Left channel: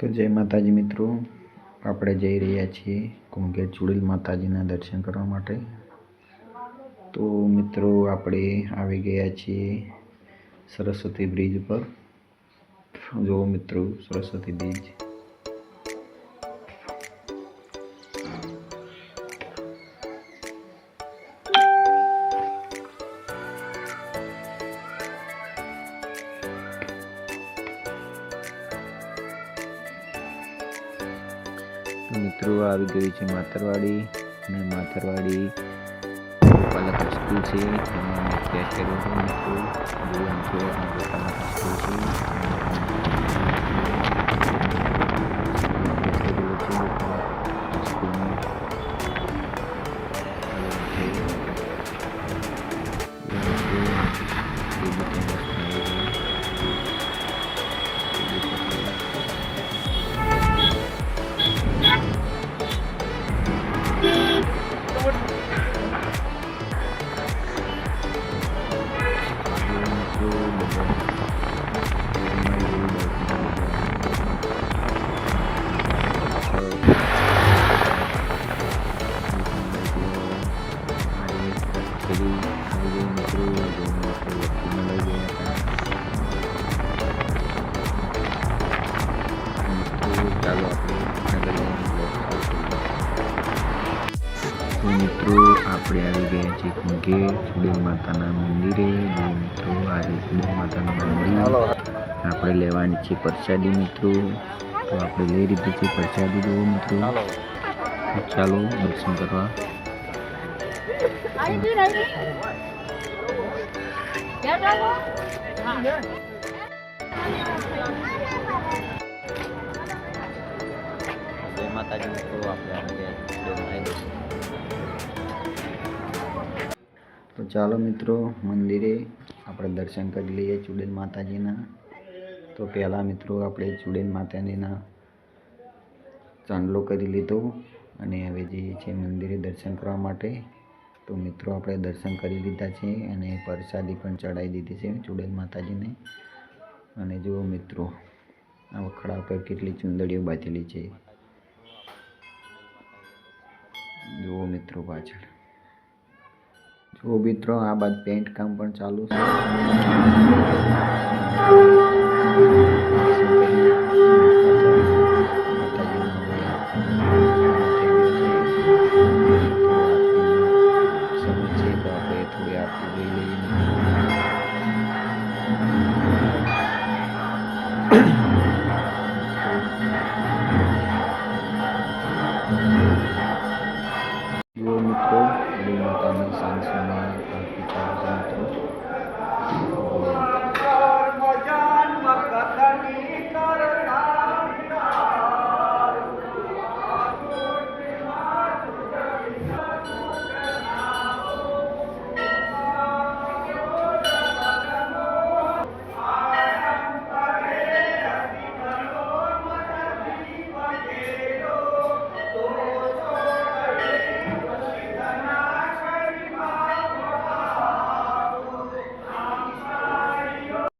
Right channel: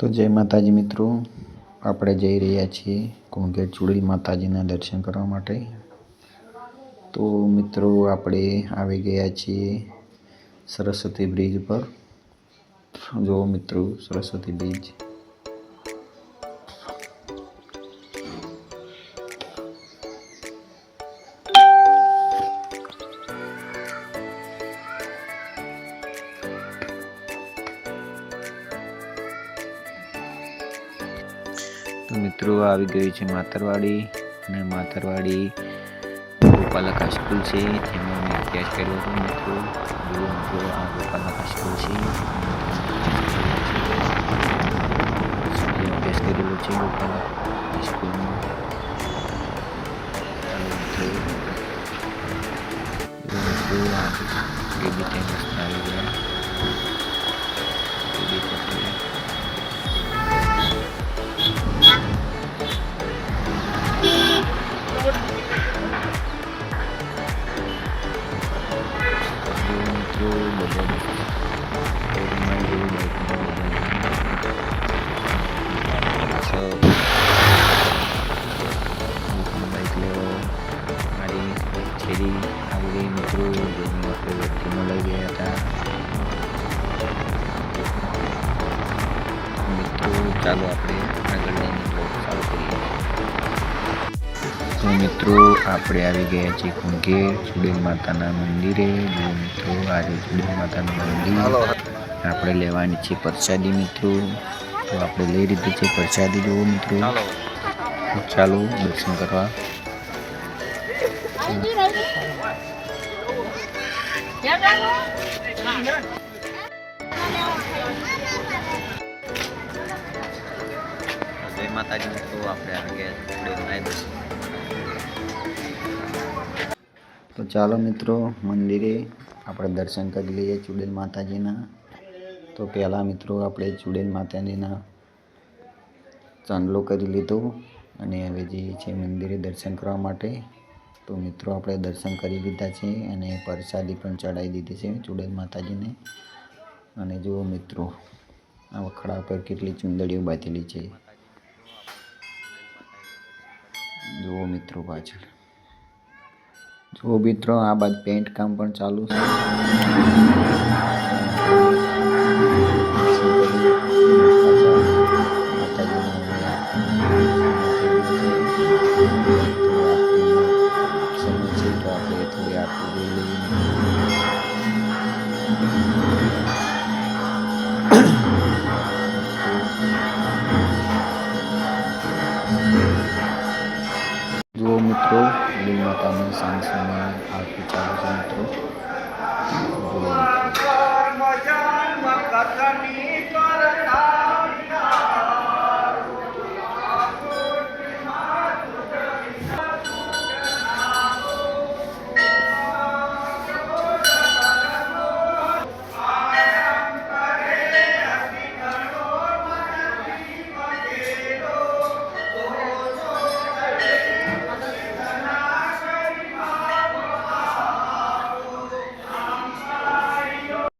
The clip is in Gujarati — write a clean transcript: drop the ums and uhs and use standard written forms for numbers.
તો જય માતાજી મિત્રો, આપણે જઈ રહ્યા છીએ કુંગેર ચુડેલ માતાજીના દર્શન કરવા માટે। તો મિત્રો આપણે આવી ગયા છીએ સરસ્વતી બ્રિજ પર। જો મિત્રો સરસ્વતી બ્રિજ तो मित्रों આવી ગઈ છે માતરવાડી અને માતરવાડી ગોપાલક સ્કૂલ છે તેમાં અભ્યાસ કર્યો છે મિત્રો। જો મિત્રો આ ગોપાલક સ્કૂલ છે અભ્યાસ કરેલો છે ગોપાલક સ્કૂલમાં। ચાલો આપણે આગળ જઈને બ્લોગ ચાલુ કરીએ। તો મિત્રો આપણે આવી ગયા છીએ કુંગેર ચુડેલ માતાના મંદિરે। જો મિત્રો આજે ચુડેલ માતાનું મંદિર આપણે લેવાની છે પ્રસાદી મિત્રો। તો આપણે લઈ લીધી છે પ્રસાદી। જુઓ મિત્રો, ચાલો દર્શન કરવા। જય માતાજી મિત્રો, આપણે આવી ગયા છીએ। તો ચાલો મિત્રો મંદિરે આપણે દર્શન કરી લઈએ ચુડેલ માતાજીના। તો પહેલાં મિત્રો આપણે ચુડેલ માતાજીના ચાંદલો કરી લીધો અને હવે જઈએ છીએ મંદિરે દર્શન કરવા માટે। તો મિત્રો આપણે દર્શન કરી લીધા છે અને પ્રસાદી પણ ચડાવી દીધી છે ચુડેલ માતાજીને। અને જુઓ મિત્રો આ વખડા પર કેટલી ચુંદડીઓ બાંધેલી છે। જુઓ મિત્રો પાછળ, જુઓ મિત્રો આ બાદ પેન્ટ કામ પણ ચાલુ છે। જુઓ મિત્રો ચુડેલ માતાની સાંજ સમયે આરતી ચાલુ છે મિત્રો।